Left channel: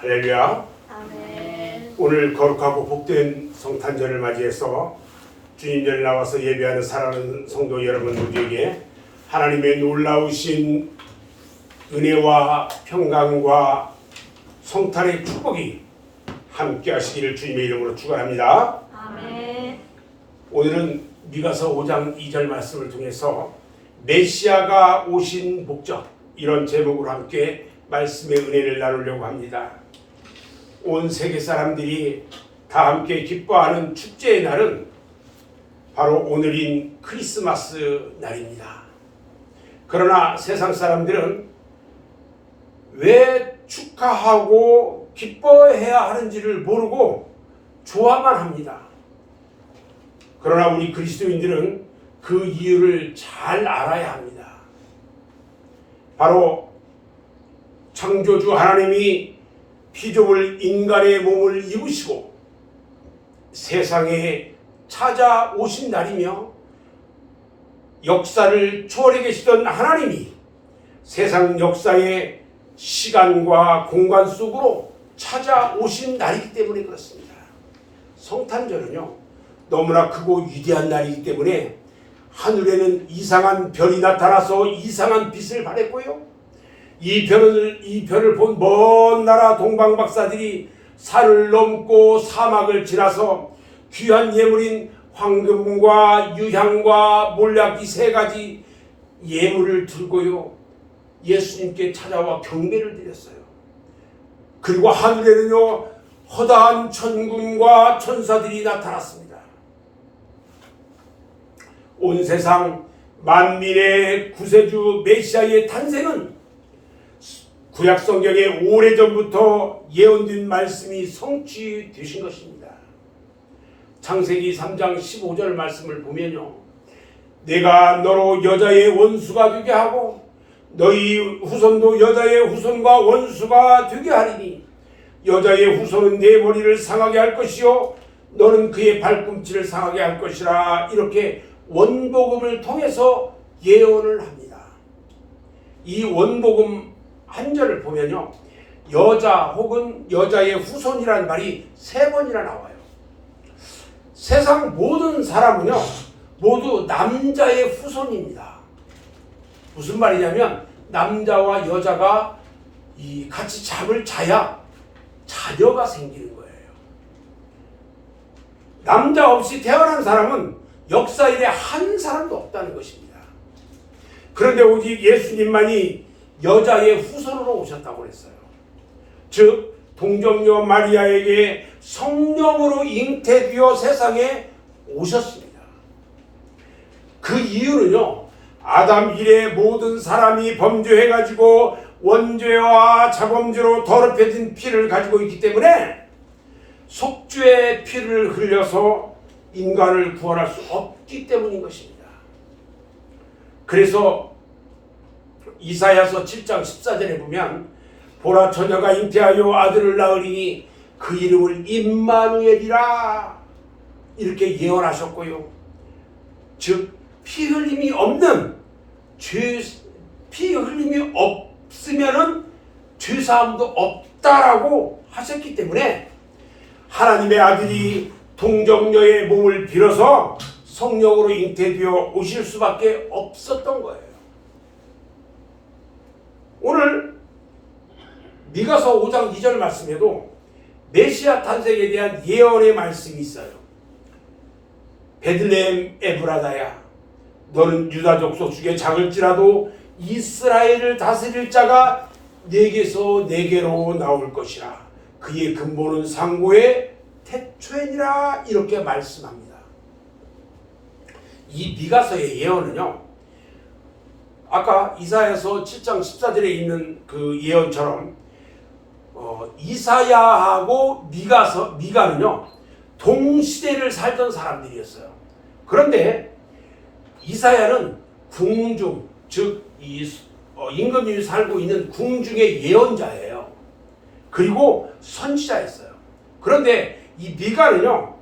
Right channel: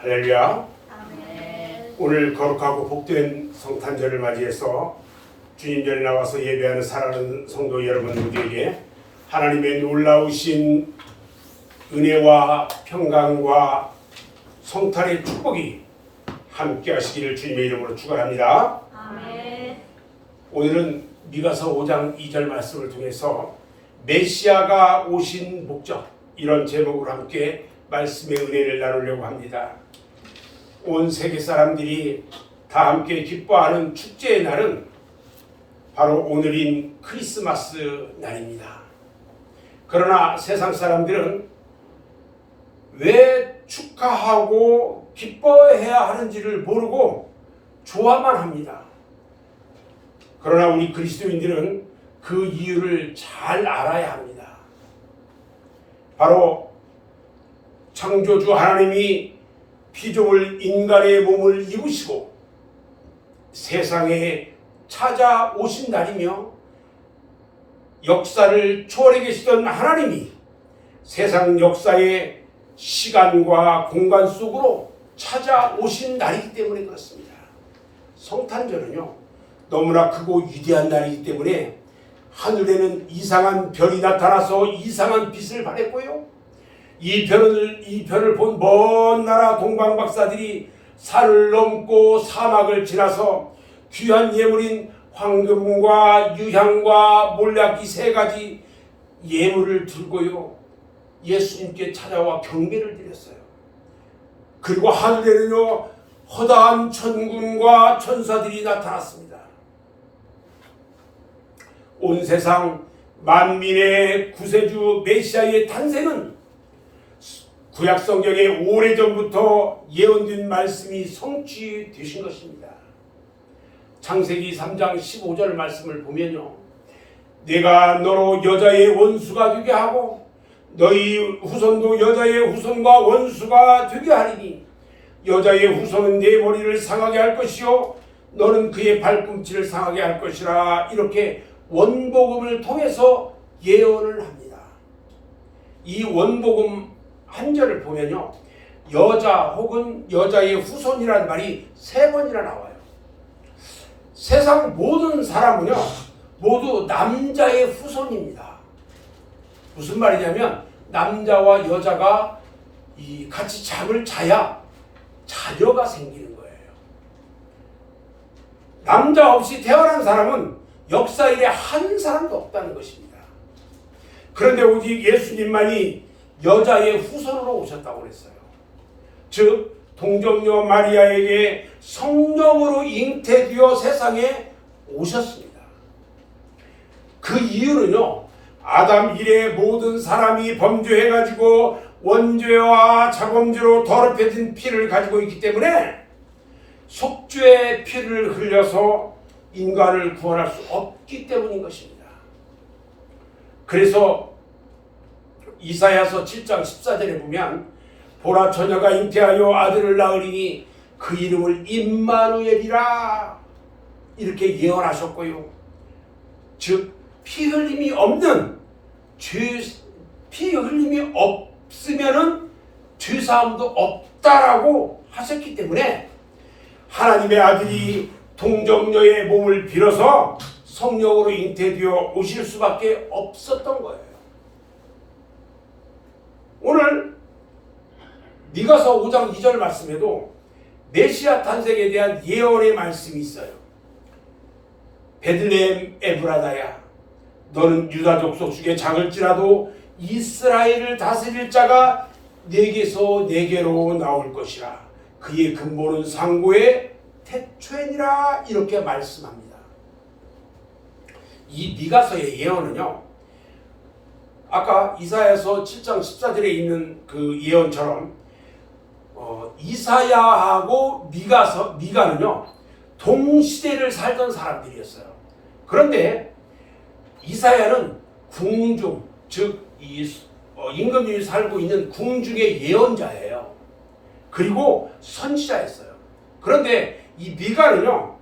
할렐루야. 아멘. 오늘 거룩하고 복된 성탄절을 맞이해서 주님 전에 나와서 예배하는 사랑하는 성도 여러분 모두에게 하나님의 놀라우신 은혜와 평강과 성탄의 축복이 함께 하시기를 주님의 이름으로 축원합니다. 아멘. 오늘은 미가서 5장 2절 말씀을 통해서 메시아가 오신 목적, 이런 제목으로 함께 말씀의 은혜를 나누려고 합니다. 온 세계 사람들이 다 함께 기뻐하는 축제의 날은 바로 오늘인 크리스마스 날입니다. 그러나 세상 사람들은 왜 축하하고 기뻐해야 하는지를 모르고 좋아만 합니다. 그러나 우리 그리스도인들은 그 이유를 잘 알아야 합니다. 바로 창조주 하나님이 피조물 인간의 몸을 입으시고 세상에 찾아오신 날이며, 역사를 초월해 계시던 하나님이 세상 역사의 시간과 공간 속으로 찾아오신 날이기 때문에 그렇습니다. 성탄절은요, 너무나 크고 위대한 날이기 때문에 하늘에는 이상한 별이 나타나서 이상한 빛을 발했고요, 이 별을 본 먼 나라 동방 박사들이 산을 넘고 사막을 지나서 귀한 예물인 황금과 유향과 몰약 이 세 가지 예물을 들고요, 예수님께 찾아와 경배를 드렸어요. 그리고 하늘에는요, 허다한 천군과 천사들이 나타났습니다. 온 세상 만민의 구세주 메시아의 탄생은 구약 성경에 오래전부터 예언된 말씀이 성취되신 것입니다. 창세기 3장 15절 말씀을 보면요, 내가 너로 여자의 원수가 되게 하고 너희 후손도 여자의 후손과 원수가 되게 하리니 여자의 후손은 내 머리를 상하게 할 것이요 너는 그의 발꿈치를 상하게 할 것이라, 이렇게 원복음을 통해서 예언을 합니다. 이 원복음 한 절을 보면요, 여자 혹은 여자의 후손이라는 말이 3번이나 나와요. 세상 모든 사람은요, 모두 남자의 후손입니다. 무슨 말이냐면, 남자와 여자가 같이 잠을 자야 자녀가 생기는 거예요. 남자 없이 태어난 사람은 역사 일에 한 사람도 없다는 것입니다. 그런데 오직 예수님만이 여자의 후손으로 오셨다고 그랬어요. 즉 동정녀 마리아에게 성령으로 잉태되어 세상에 오셨습니다. 그 이유는요, 아담 이래 모든 사람이 범죄해가지고 원죄와 자범죄로 더럽혀진 피를 가지고 있기 때문에 속죄의 피를 흘려서 인간을 구원할 수 없기 때문인 것입니다. 그래서 이사야서 7장 14절에 보면, 보라 처녀가 잉태하여 아들을 낳으리니 그 이름을 임마누엘이라, 이렇게 예언하셨고요, 즉 피 흘림이 없는 피 흘림이 없으면은 죄 사함도 없다라고 하셨기 때문에 하나님의 아들이 동정녀의 몸을 빌어서 성령으로 잉태되어 오실 수밖에 없었던 거예요. 오늘 미가서 5장 2절 말씀에도 메시아 탄생에 대한 예언의 말씀이 있어요. 베들레헴 에브라다야, 너는 유다 족속 중에 작을지라도 이스라엘을 다스릴 자가 내게서 내게로 나올 것이라, 그의 근본은 상고의 태초이니라, 이렇게 말씀합니다. 이 미가서의 예언은요, 아까 이사야서 7장 14절에 있는 그 예언처럼 이사야하고 미가는요, 동시대를 살던 사람들이었어요. 그런데 이사야는 궁중, 즉 임금님이 살고 있는 궁중의 예언자예요. 그리고 선지자였어요. 그런데 이 미가는요,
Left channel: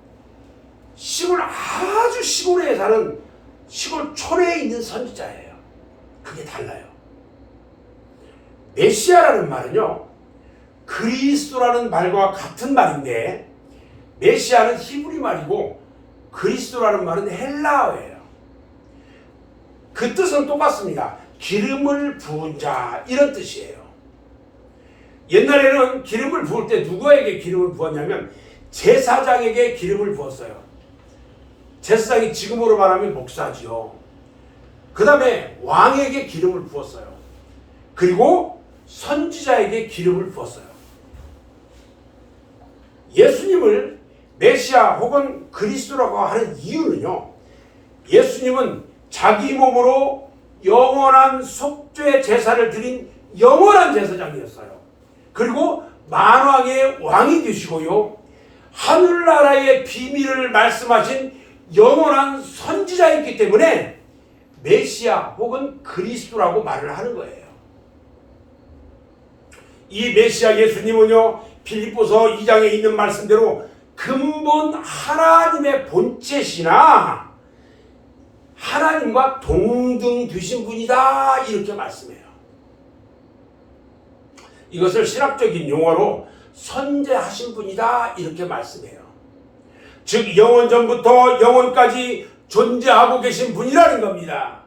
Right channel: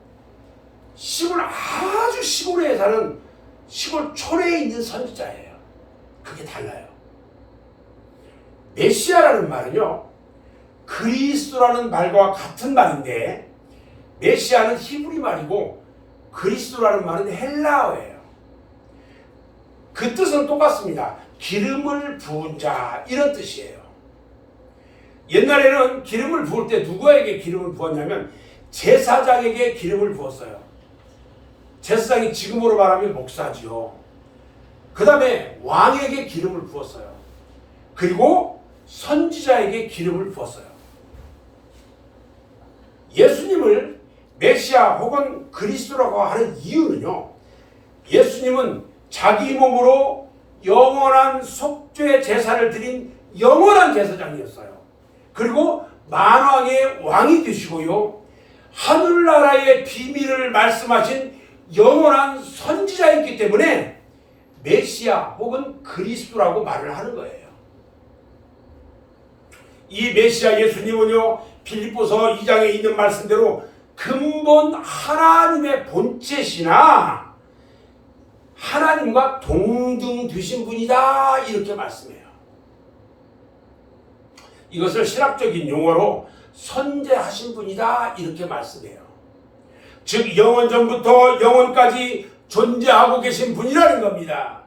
시골, 아주 시골에 사는 시골 촌에 있는 선지자예요. 그게 달라요. 메시아라는 말은요, 그리스도라는 말과 같은 말인데 메시아는 히브리 말이고 그리스도라는 말은 헬라어예요. 그 뜻은 똑같습니다. 기름을 부은 자 이런 뜻이에요. 옛날에는 기름을 부을 때 누구에게 기름을 부었냐면 제사장에게 기름을 부었어요. 제사장이 지금으로 말하면 목사지요. 그 다음에 왕에게 기름을 부었어요. 그리고 선지자에게 기름을 부었어요. 예수님을 메시아 혹은 그리스도라고 하는 이유는요, 예수님은 자기 몸으로 영원한 속죄 제사를 드린 영원한 제사장이었어요. 그리고 만왕의 왕이 되시고요, 하늘나라의 비밀을 말씀하신 영원한 선지자였기 때문에 메시아 혹은 그리스도라고 말을 하는 거예요. 이 메시아 예수님은요, 빌립보서 2장에 있는 말씀대로 근본 하나님의 본체시나 하나님과 동등 되신 분이다 이렇게 말씀해요. 이것을 신학적인 용어로 선재하신 분이다 이렇게 말씀해요. 즉 영원전부터 영원까지 존재하고 계신 분이라는 겁니다.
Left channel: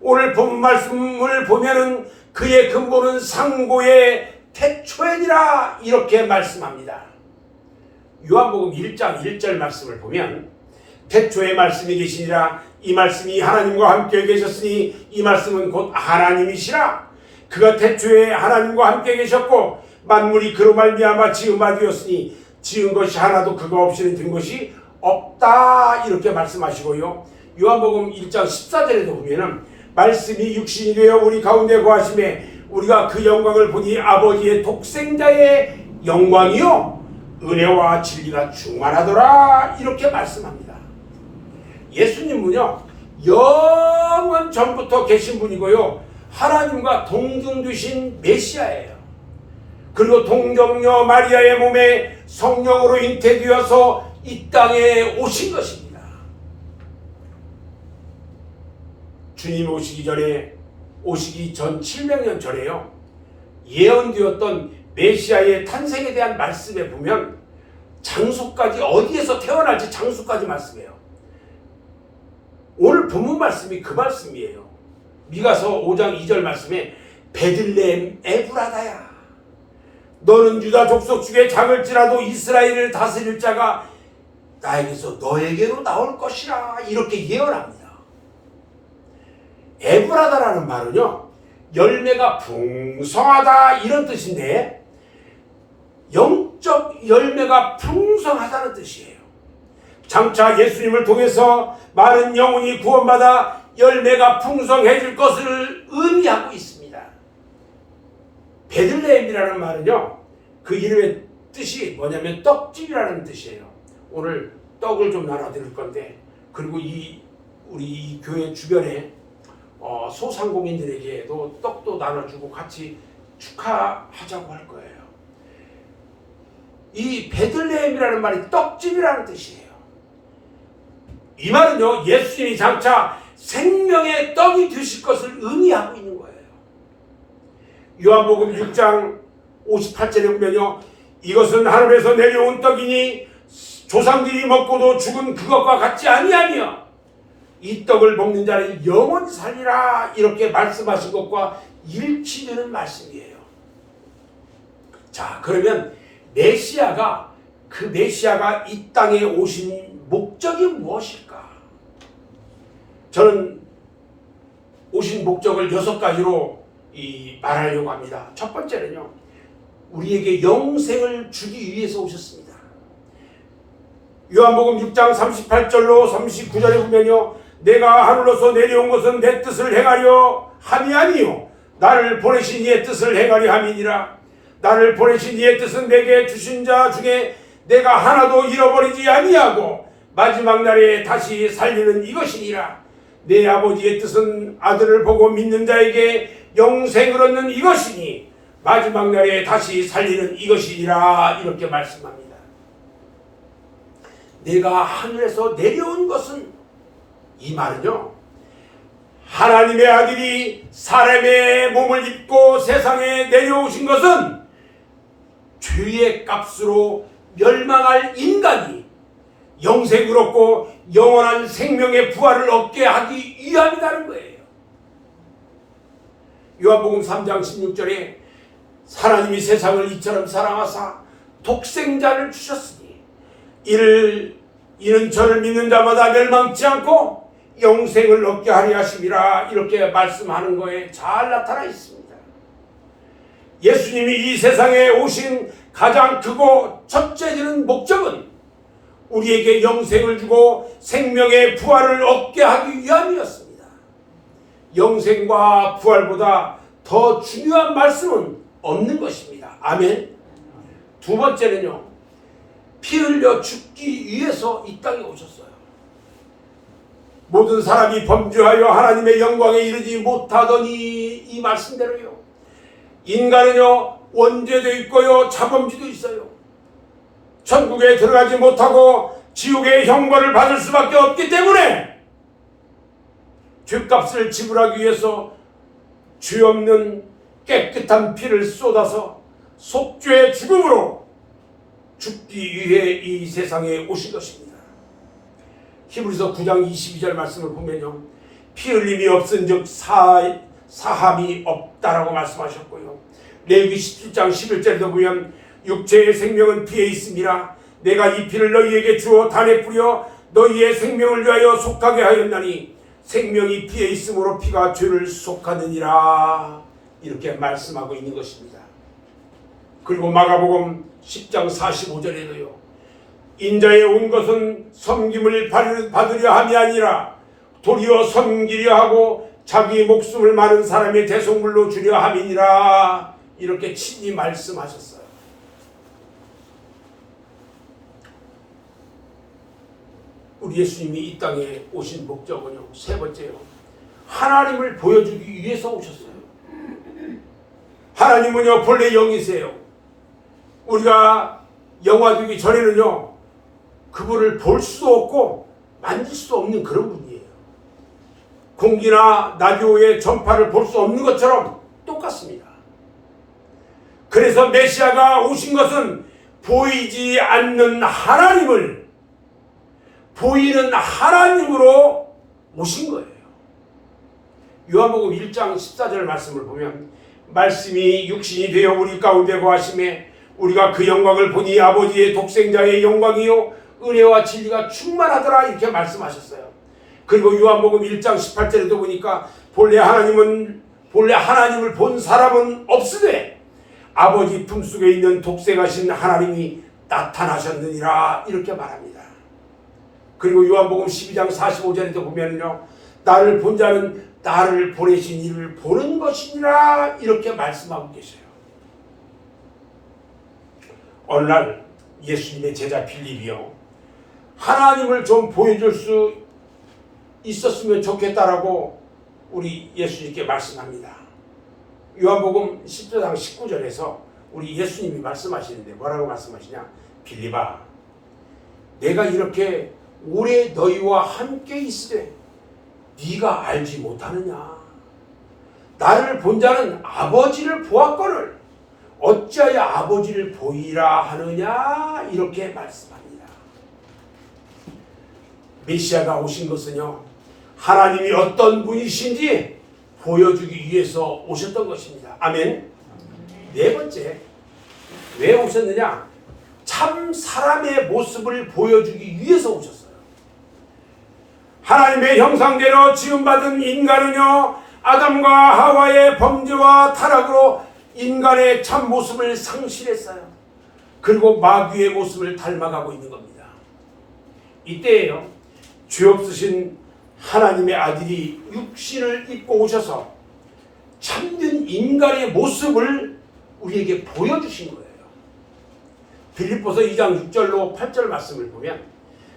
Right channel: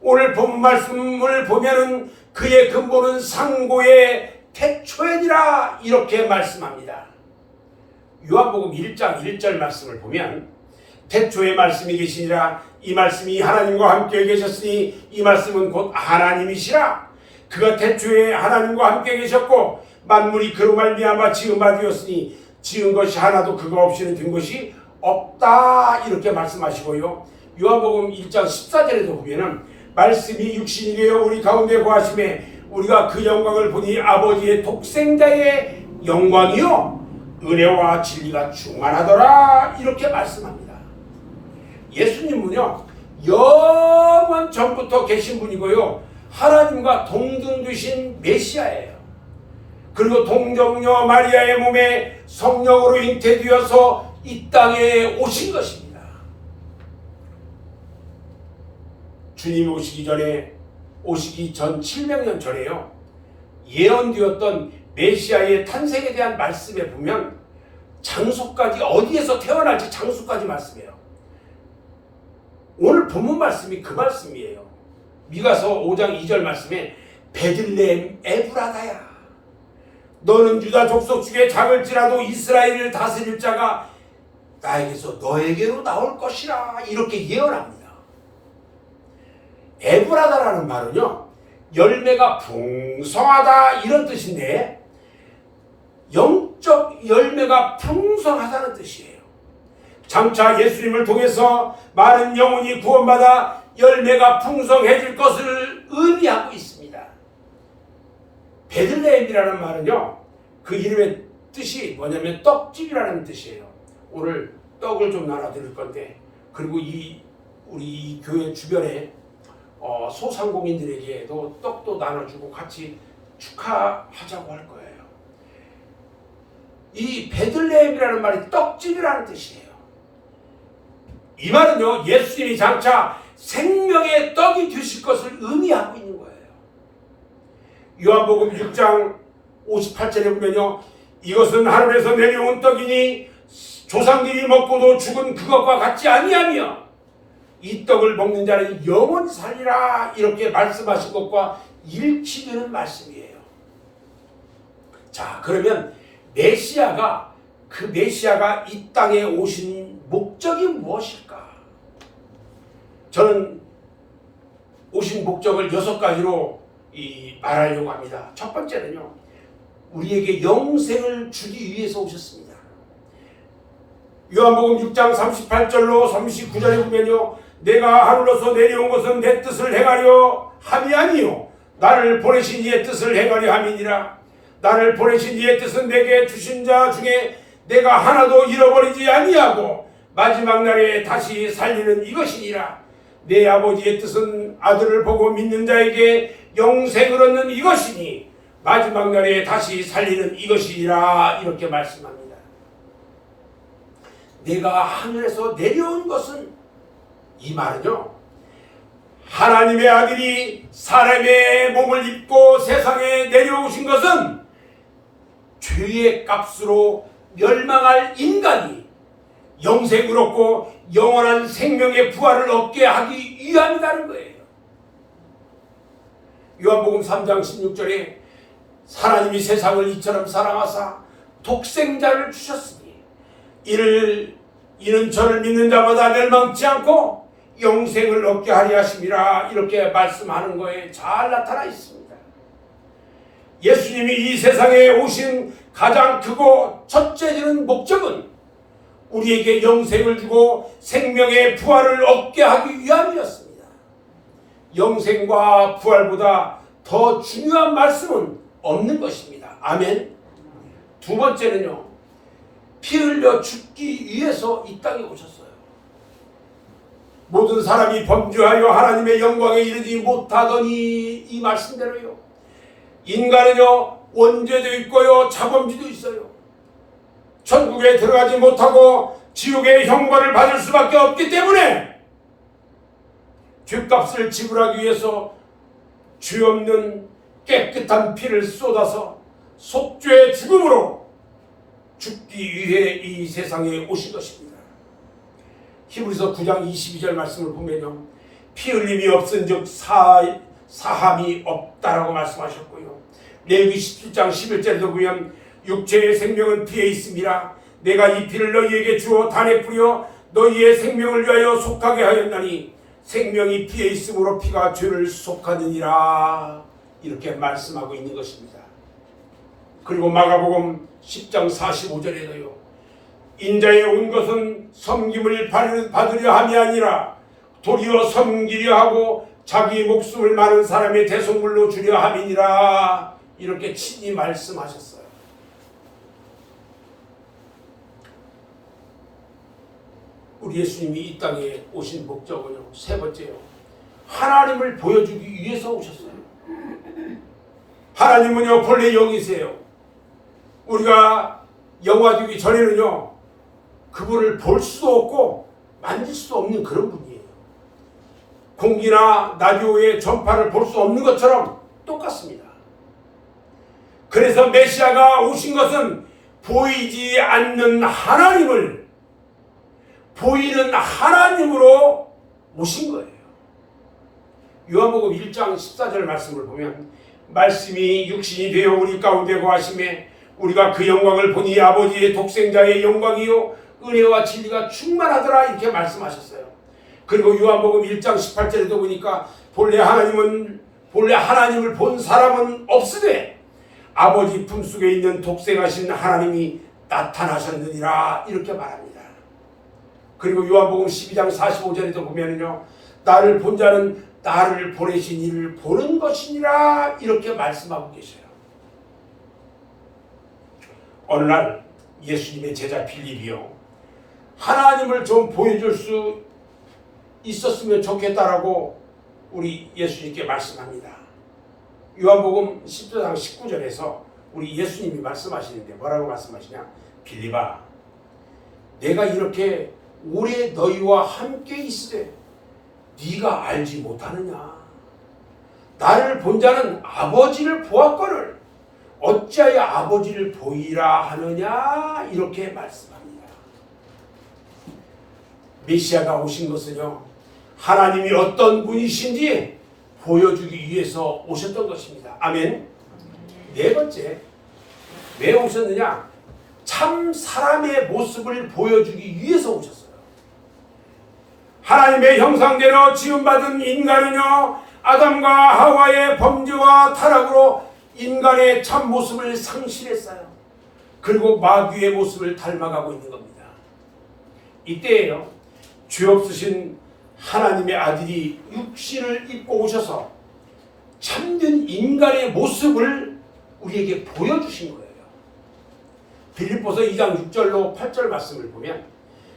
오늘 본 말씀을 보면은 그의 근본은 상고의 태초에니라 이렇게 말씀합니다. 요한복음 1장 1절 말씀을 보면 태초에 말씀이 계시니라 이 말씀이 하나님과 함께 계셨으니 이 말씀은 곧 하나님이시라. 그가 태초에 하나님과 함께 계셨고 만물이 그로 말미암아 지은 바 되었으니 지은 것이 하나도 그가 없이는 된 것이 없다 이렇게 말씀하시고요. 요한복음 1장 14절에도 보면은 말씀이 육신이 되어 우리 가운데 거하심에 우리가 그 영광을 보니 아버지의 독생자의 영광이요 은혜와 진리가 충만하더라 이렇게 말씀합니다. 예수님은요 영원 전부터 계신 분이고요 하나님과 동등되신 메시아예요. 그리고 동정녀 마리아의 몸에 성령으로 잉태되어서 이 땅에 오신 것입니다. 주님 오시기 전 700년 전에요 예언되었던 메시아의 탄생에 대한 말씀에 보면 장소까지 어디에서 태어날지 장소까지 말씀해요. 오늘 본문 말씀이 그 말씀이에요. 미가서 5장 2절 말씀에 베들레헴 에브라다야 너는 유다 족속 중에 작을지라도 이스라엘을 다스릴 자가 나에게서 너에게로 나올 것이라 이렇게 예언합니다. 에브라다라는 말은요 열매가 풍성하다 이런 뜻인데 영적 열매가 풍성하다는 뜻이에요. 장차 예수님을 통해서 많은 영혼이 구원받아 열매가 풍성해질 것을 의미하고 있습니다. 베들레헴이라는 말은요 그 이름의 뜻이 뭐냐면 떡집이라는 뜻이에요. 오늘 떡을 좀 나눠드릴 건데 그리고 우리 교회 주변에 소상공인들에게도 떡도 나눠주고 같이 축하하자고 할 거예요. 이 베들레헴이라는 말이 떡집이라는 뜻이에요. 이 말은요 예수님이 장차 생명의 떡이 되실 것을 의미하고 있는 거예요. 요한복음 6장 58절에 보면요 이것은 하늘에서 내려온 떡이니 조상들이 먹고도 죽은 그것과 같지 아니하며 이 떡을 먹는 자는 영원히 살리라 이렇게 말씀하신 것과 일치되는 말씀이에요. 자 그러면 그 메시아가 이 땅에 오신 목적이 무엇일까? 저는 오신 목적을 6가지로 말하려고 합니다. 첫 번째는요 우리에게 영생을 주기 위해서 오셨습니다. 요한복음 6장 38절로 39절에 보면요 내가 하늘로서 내려온 것은 내 뜻을 행하려 함이 아니요 나를 보내신 이의 뜻을 행하려 함이니라. 나를 보내신 이의 뜻은 내게 주신 자 중에 내가 하나도 잃어버리지 아니하고 마지막 날에 다시 살리는 이것이니라. 내 아버지의 뜻은 아들을 보고 믿는 자에게 영생을 얻는 이것이니 마지막 날에 다시 살리는 이것이니라 이렇게 말씀합니다. 내가 하늘에서 내려온 것은 이 말은요 하나님의 아들이 사람의 몸을 입고 세상에 내려오신 것은 죄의 값으로 멸망할 인간이 영생을 얻고 영원한 생명의 부활을 얻게 하기 위함이라는 거예요. 요한복음 3장 16절에 하나님이 세상을 이처럼 사랑하사 독생자를 주셨으니 이는 저를 믿는 자마다 멸망치 않고 영생을 얻게 하려 하심이라, 이렇게 말씀하는 거에 잘 나타나 있습니다. 예수님이 이 세상에 오신 가장 크고 첫째되는 목적은 우리에게 영생을 주고 생명의 부활을 얻게 하기 위함이었습니다. 영생과 부활보다 더 중요한 말씀은 없는 것입니다. 아멘. 두 번째는요, 피 흘려 죽기 위해서 이 땅에 오셨어요. 모든 사람이 범죄하여 하나님의 영광에 이르지 못하더니, 이 말씀대로요, 인간은요 원죄도 있고요 자범죄도 있어요. 천국에 들어가지 못하고 지옥의 형벌을 받을 수밖에 없기 때문에 죄값을 지불하기 위해서 죄 없는 깨끗한 피를 쏟아서 속죄의 죽음으로 죽기 위해 이 세상에 오신 것입니다. 히브리서 9장 22절 말씀을 보면요, 피 흘림이 없은즉 사함이 없다라고 말씀하셨고요, 레위기 17장 11절에도 보면 육체의 생명은 피에 있음이라 내가 이 피를 너희에게 주어 단에 뿌려 너희의 생명을 위하여 속하게 하였나니 생명이 피에 있으므로 피가 죄를 속하느니라, 이렇게 말씀하고 있는 것입니다. 그리고 마가복음 10장 45절에도요, 인자에 온 것은 섬김을 받으려 함이 아니라 도리어 섬기려 하고 자기 목숨을 많은 사람의 대속물로 주려 함이니라, 이렇게 친히 말씀하셨어요. 우리 예수님이 이 땅에 오신 목적은요, 세 번째요, 하나님을 보여주기 위해서 오셨어요. 하나님은요 본래 영이세요. 우리가 영화되기 전에는요 그분을 볼 수도 없고 만질 수도 없는 그런 분이에요. 공기나 라디오의 전파를 볼 수 없는 것처럼 똑같습니다. 그래서 메시아가 오신 것은 보이지 않는 하나님을 보이는 하나님으로 오신 거예요. 요한복음 1장 14절 말씀을 보면 말씀이 육신이 되어 우리 가운데 거하심에 우리가 그 영광을 보니 아버지의 독생자의 영광이요 은혜와 진리가 충만하더라, 이렇게 말씀하셨어요. 그리고 요한복음 1장 18절에도 보니까 본래 하나님을 본 사람은 없으되 아버지 품속에 있는 독생하신 하나님이 나타나셨느니라, 이렇게 말합니다. 그리고 요한복음 12장 45절에도 보면은요, 나를 본 자는 나를 보내신 이를 보는 것이니라, 이렇게 말씀하고 계셔요. 어느 날 예수님의 제자 빌립이요, 하나님을 좀 보여줄 수 있었으면 좋겠다라고 우리 예수님께 말씀합니다. 요한복음 10장 19절에서 우리 예수님이 말씀하시는데 뭐라고 말씀하시냐? 빌립아, 내가 이렇게 오래 너희와 함께 있으되 네가 알지 못하느냐? 나를 본 자는 아버지를 보았거늘 어찌하여 아버지를 보이라 하느냐? 이렇게 말씀합니다. 메시아가 오신 것은요, 하나님이 어떤 분이신지 보여주기 위해서 오셨던 것입니다. 아멘. 네 번째, 왜 오셨느냐? 참 사람의 모습을 보여주기 위해서 오셨어요. 하나님의 형상대로 지음받은 인간은요, 아담과 하와의 범죄와 타락으로 인간의 참 모습을 상실했어요. 그리고 마귀의 모습을 닮아가고 있는 겁니다. 이때에요, 죄 없으신 하나님의 아들이 육신을 입고 오셔서 참된 인간의 모습을 우리에게 보여주신 거예요. 빌립보서 2장 6절로 8절 말씀을 보면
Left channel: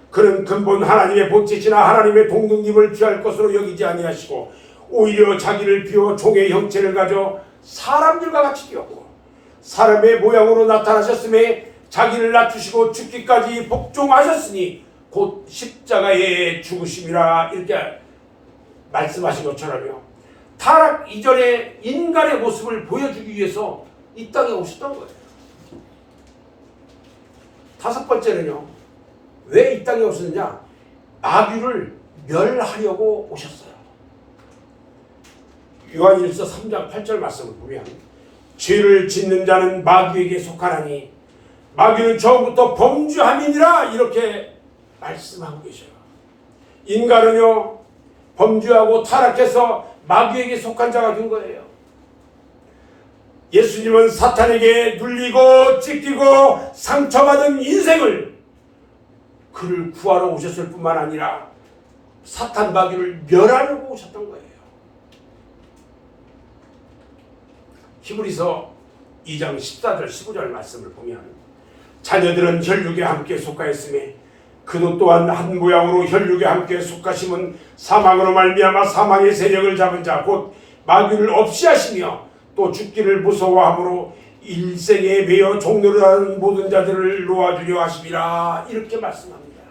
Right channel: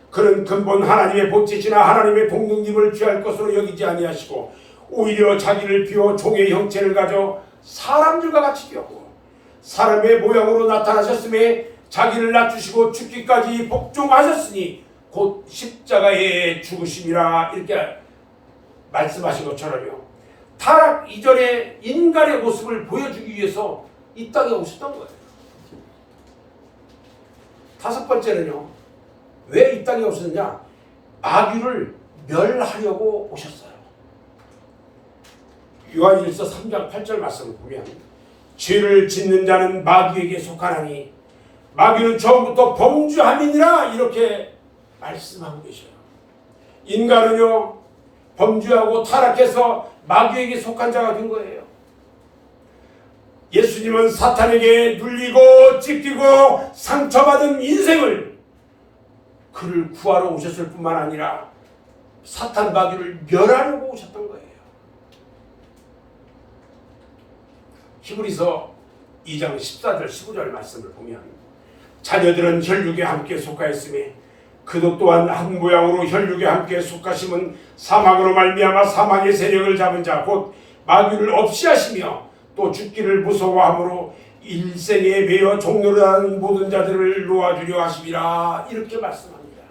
그는 근본 하나님의 본체시나 하나님의 동등님을 취할 것으로 여기지 아니하시고 오히려 자기를 비워 종의 형체를 가져 사람들과 같이 되었고 사람의 모양으로 나타나셨음에 자기를 낮추시고 죽기까지 복종하셨으니 곧 십자가에 죽으심이라, 이렇게 말씀하신 것처럼요, 타락 이전에 인간의 모습을 보여주기 위해서 이 땅에 오셨던 거예요. 다섯 번째는요. 왜 이 땅에 오셨느냐? 마귀를 멸하려고 오셨어요. 요한일서 3장 8절 말씀을 보면 죄를 짓는 자는 마귀에게 속하나니 마귀는 처음부터 범죄함이니라 이렇게 말씀하고 계셔요. 인간은요 범죄하고 타락해서 마귀에게 속한 자가 된 거예요. 예수님은 사탄에게 눌리고 찢기고 상처받은 인생을 그를 구하러 오셨을 뿐만 아니라 사탄 마귀를 멸하려고 오셨던 거예요. 히브리서 2장 14절 15절 말씀을 보면 자녀들은 혈육에 함께 속하였으며 그도 또한 한 모양으로 혈육에 함께 속하심은 사망으로 말미암아 사망의 세력을 잡은 자 곧 마귀를 없이 하시며 또 죽기를 무서워함으로 일생에 매여 종노릇하는 모든 자들을 놓아주려 하심이라 이렇게 말씀합니다.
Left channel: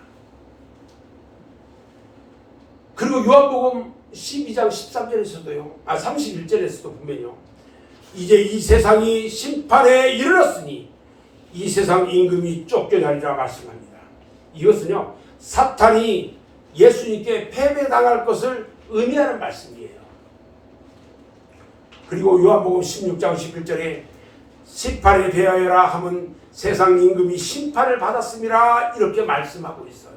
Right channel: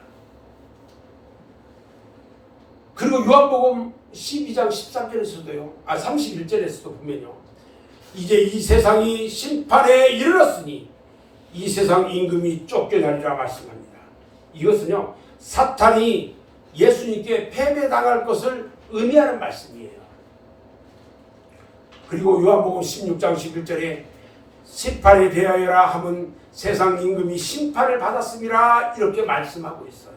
그리고 요한복음 12장 13절에서도요 31절에서도 보면요 이제 이 세상이 심판에 이르렀으니 이 세상 임금이 쫓겨나리라 말씀합니다. 이것은요 사탄이 예수님께 패배당할 것을 의미하는 말씀이에요. 그리고 요한복음 16장 11절에 심판에 대하여라 하면 세상 임금이 심판을 받았음이라 이렇게 말씀하고 있어요.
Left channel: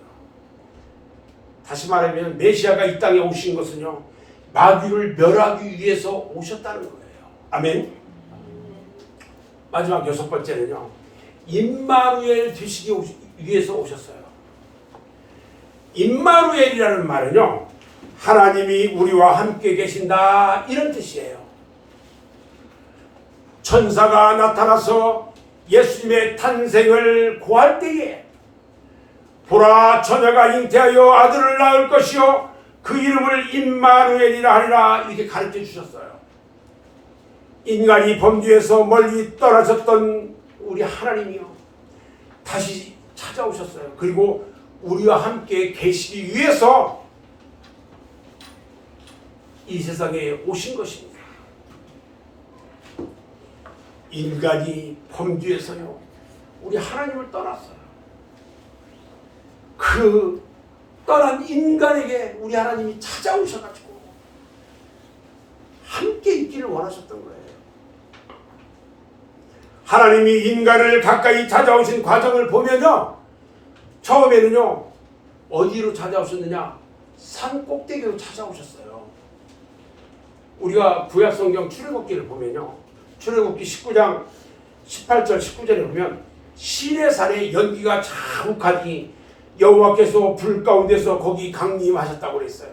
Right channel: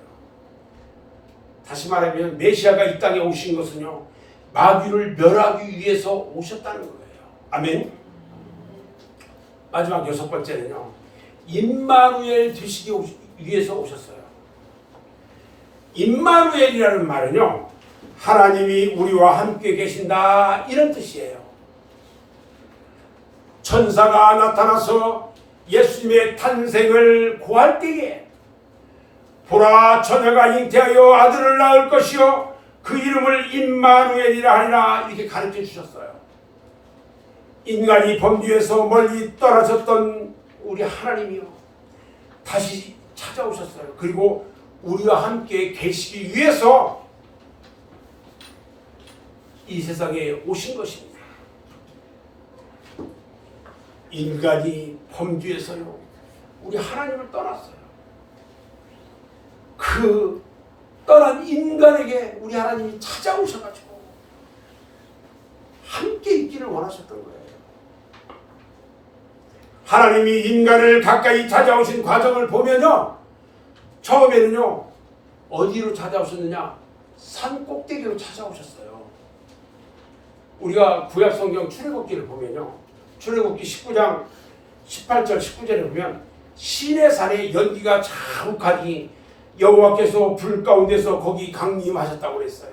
다시 말하면 메시아가 이 땅에 오신 것은요 마귀를 멸하기 위해서 오셨다는 거예요. 아멘. 마지막 여섯 번째는요 임마누엘 되시기 위해서 오셨어요. 임마누엘이라는 말은요 하나님이 우리와 함께 계신다 이런 뜻이에요. 천사가 나타나서 예수님의 탄생을 고할 때에 보라 처녀가 잉태하여 아들을 낳을 것이요 그 이름을 임마누엘이라 하리라 이렇게 가르쳐 주셨어요. 인간이 범죄에서 멀리 떨어졌던 우리 하나님이요 다시 찾아오셨어요. 그리고 우리와 함께 계시기 위해서 이 세상에 오신 것입니다. 인간이 범죄에서요 우리 하나님을 떠났어요. 그 떠난 인간에게 우리 하나님이 찾아오셔가지고 함께 있기를 원하셨던 거예요. 하나님이 인간을 가까이 찾아오신 과정을 보면요 처음에는요 어디로 찾아오셨느냐 산 꼭대기로 찾아오셨어요. 우리가 구약성경 출애굽기를 보면요 출애굽기 19장 18절 19절에 보면 시내산에 연기가 자욱하니 여호와께서 불 가운데서 거기 강림하셨다고 그랬어요.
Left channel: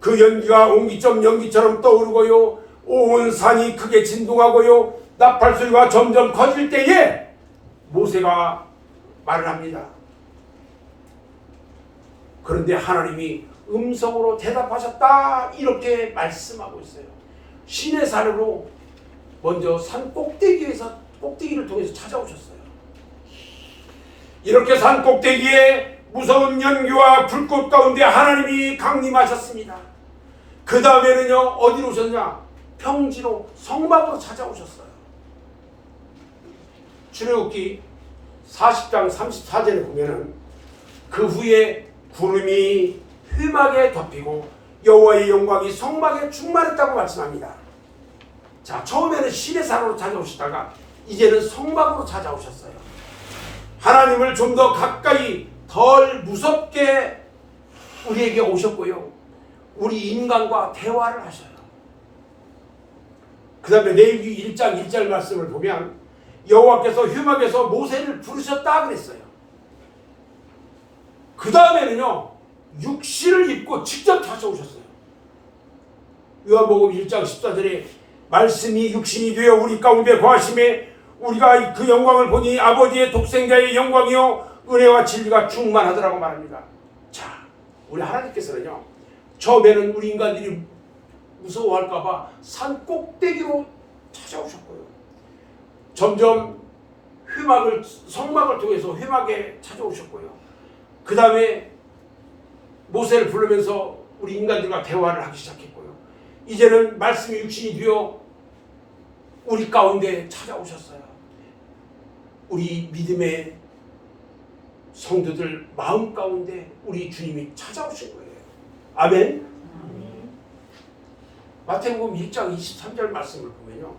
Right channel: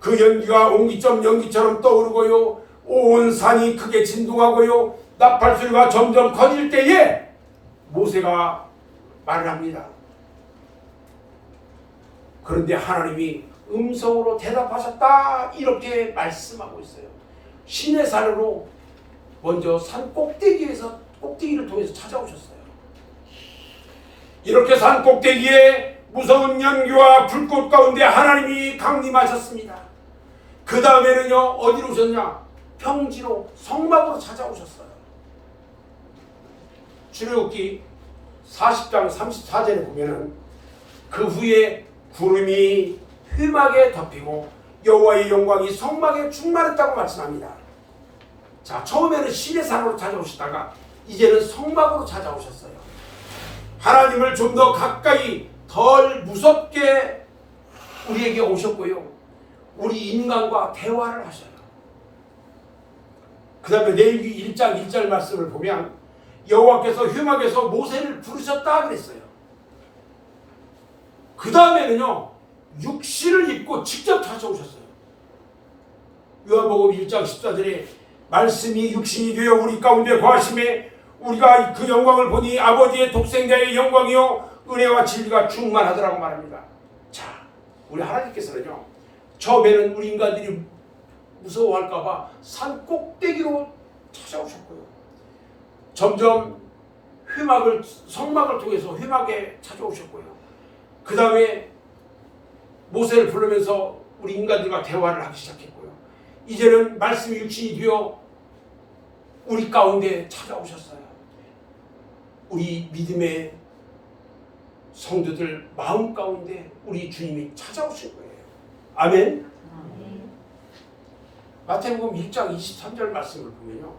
그 연기가 옹기점 연기처럼 떠오르고요 온 산이 크게 진동하고요 나팔 소리가 점점 커질 때에 모세가 말을 합니다. 그런데 하나님이 음성으로 대답하셨다 이렇게 말씀하고 있어요. 시내산으로 먼저 산 꼭대기를 통해서 찾아오셨어요. 이렇게 산 꼭대기에 무서운 연기와 불꽃 가운데 하나님이 강림하셨습니다. 그 다음에는요 어디로 오셨냐 평지로 성막으로 찾아오셨어요. 출애굽기 40장 34절에 보면은 그 후에 구름이 휘막에 덮이고 여호와의 영광이 성막에 충만했다고 말씀합니다. 자 처음에는 시내산으로 찾아오시다가 이제는 성막으로 찾아오셨어요. 하나님을 좀 더 가까이 덜 무섭게 우리에게 오셨고요 우리 인간과 대화를 하셔요. 그 다음에 레위기 1장 1절 말씀을 보면 여호와께서 휘막에서 모세를 부르셨다 그랬어요. 그 다음에는요 육신을 입고 직접 찾아오셨어요. 요한복음 1장 14절에 말씀이 육신이 되어 우리 가운데 거하심에 우리가 그 영광을 보니 아버지의 독생자의 영광이요 은혜와 진리가 충만하더라고 말합니다. 자 우리 하나님께서는요 처음에는 우리 인간들이 무서워할까봐 산 꼭대기로 찾아오셨고요 점점 성막을 통해서 회막에 찾아오셨고요 그 다음에 모세를 부르면서 우리 인간들과 대화를 하기 시작했고요 이제는 말씀이 육신이 되어 우리 가운데 찾아오셨어요. 우리 믿음의 성도들 마음 가운데 우리 주님이 찾아오신 거예요. 아멘. 마태복음 1장 23절 말씀을 보면요,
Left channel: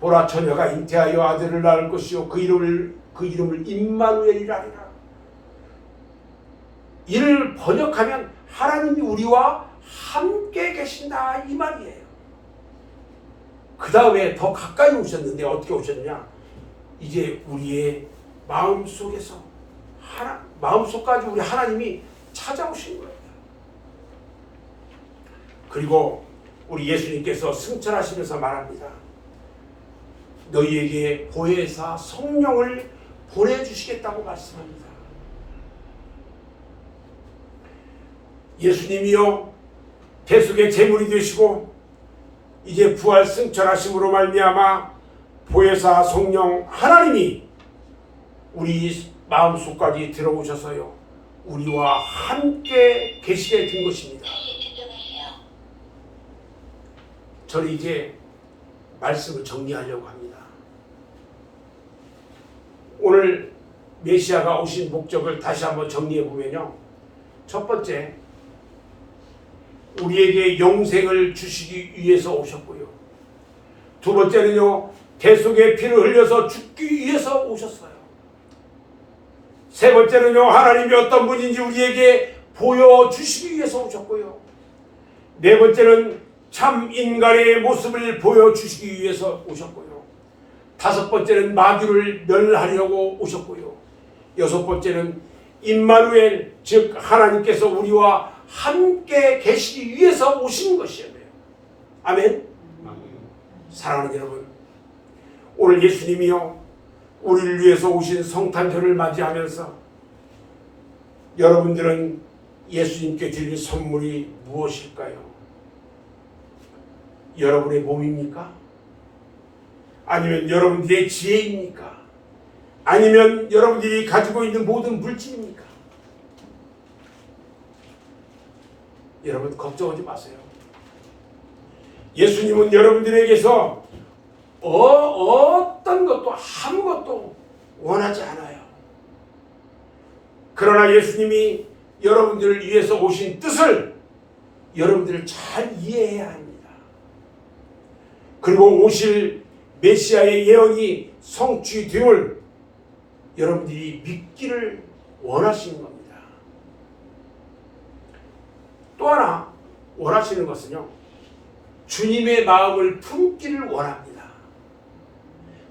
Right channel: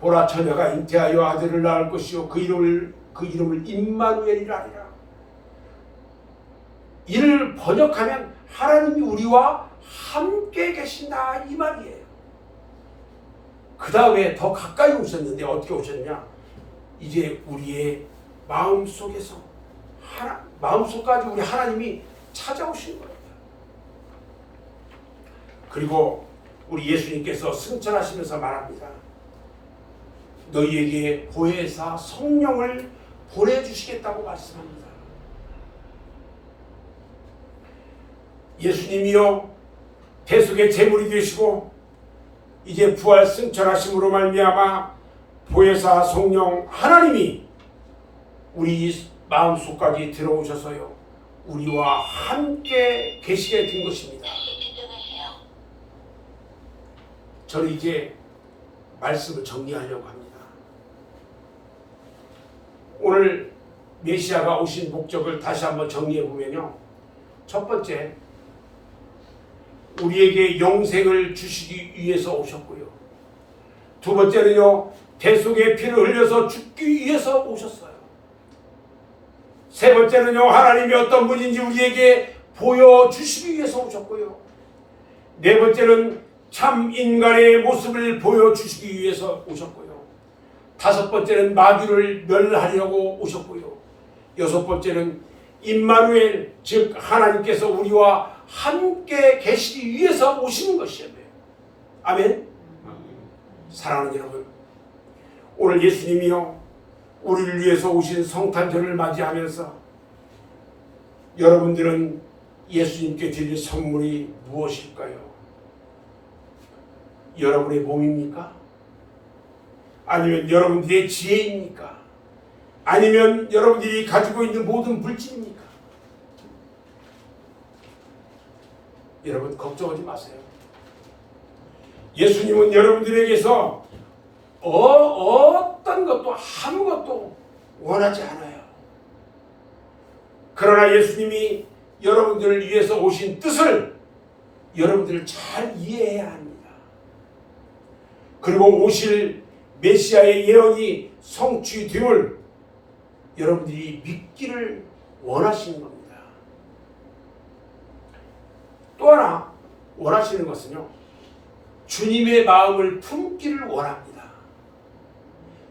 보라 처녀가 잉태하여 아들을 낳을 것이요 그 이름을 임마누엘이라 하리라. 이를 번역하면 하나님이 우리와 함께 계신다 이 말이에요. 그 다음에 더 가까이 오셨는데 어떻게 오셨느냐? 이제 우리의 마음속에서 마음속까지 우리 하나님이 찾아오신 거예요. 그리고 우리 예수님께서 승천하시면서 말합니다. 너희에게 보혜사 성령을 보내주시겠다고 말씀합니다. 예수님이요 대속의 제물이 되시고 이제 부활 승천하심으로 말미암아 보혜사 성령 하나님이 우리 마음속까지 들어오셔서요 우리와 함께 계시게 된 것입니다. 저는 이제 말씀을 정리하려고 합니다. 오늘 메시아가 오신 목적을 다시 한번 정리해 보면요, 첫 번째, 우리에게 영생을 주시기 위해서 오셨고요. 두 번째는요, 대속의 피를 흘려서 죽기 위해서 오셨어요. 세 번째는요, 하나님이 어떤 분인지 우리에게 보여주시기 위해서 오셨고요. 네 번째는 참 인간의 모습을 보여주시기 위해서 오셨고요. 다섯 번째는 마귀를 멸하려고 오셨고요. 여섯 번째는 임마누엘, 즉 하나님께서 우리와 함께 계시기 위해서 오신 것이에요. 아멘. 사랑하는 여러분, 오늘 예수님이요 우리를 위해서 오신 성탄절을 맞이하면서 여러분들은 예수님께 드릴 선물이 무엇일까요? 여러분의 몸입니까? 아니면 여러분들의 지혜입니까? 아니면 여러분들이 가지고 있는 모든 물질입니까? 여러분 걱정하지 마세요. 예수님은 여러분들에게서 어떤 것도 아무것도 원하지 않아요. 그러나 예수님이 여러분들을 위해서 오신 뜻을 여러분들 잘 이해해야 합니다. 그리고 오실 메시아의 예언이 성취됨을 여러분들이 믿기를 원하시는 겁니다. 또 하나 원하시는 것은요, 주님의 마음을 품기를 원합니다.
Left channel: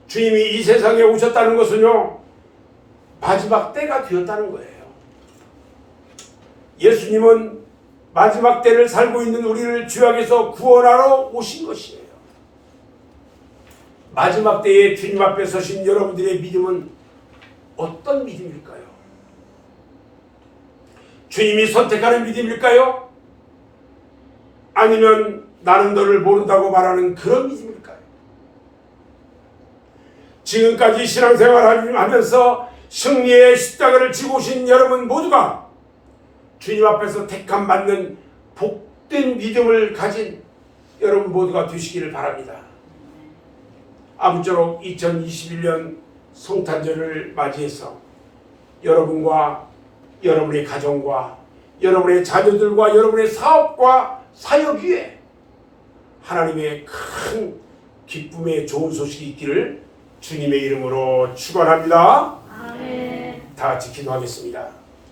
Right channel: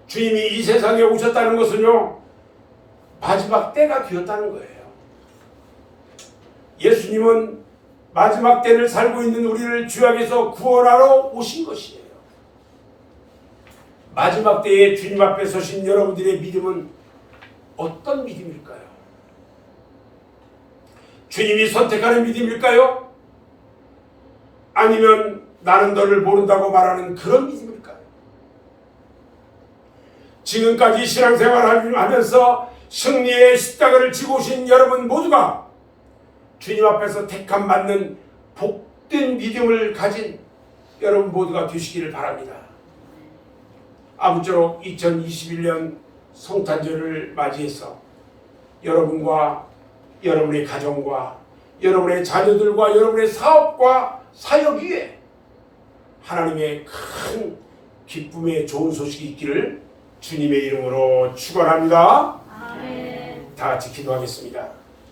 주님이 이 세상에 오셨다는 것은요, 마지막 때가 되었다는 거예요. 예수님은 마지막 때를 살고 있는 우리를 죄악에서 구원하러 오신 것이에요. 마지막 때에 주님 앞에 서신 여러분들의 믿음은 어떤 믿음일까요? 주님이 선택하는 믿음일까요? 아니면 나는 너를 모른다고 말하는 그런 믿음일까요? 지금까지 신앙생활을 하면서 승리의 십자가를 지고 오신 여러분 모두가 주님 앞에서 택함 받는 복된 믿음을 가진 여러분 모두가 되시기를 바랍니다. 아무쪼록 2021년 성탄절을 맞이해서 여러분과 여러분의 가정과 여러분의 자녀들과 여러분의 사업과 사역 위에 하나님의 큰 기쁨의 좋은 소식이 있기를 주님의 이름으로 축원합니다. 아멘. 다 같이 기도하겠습니다.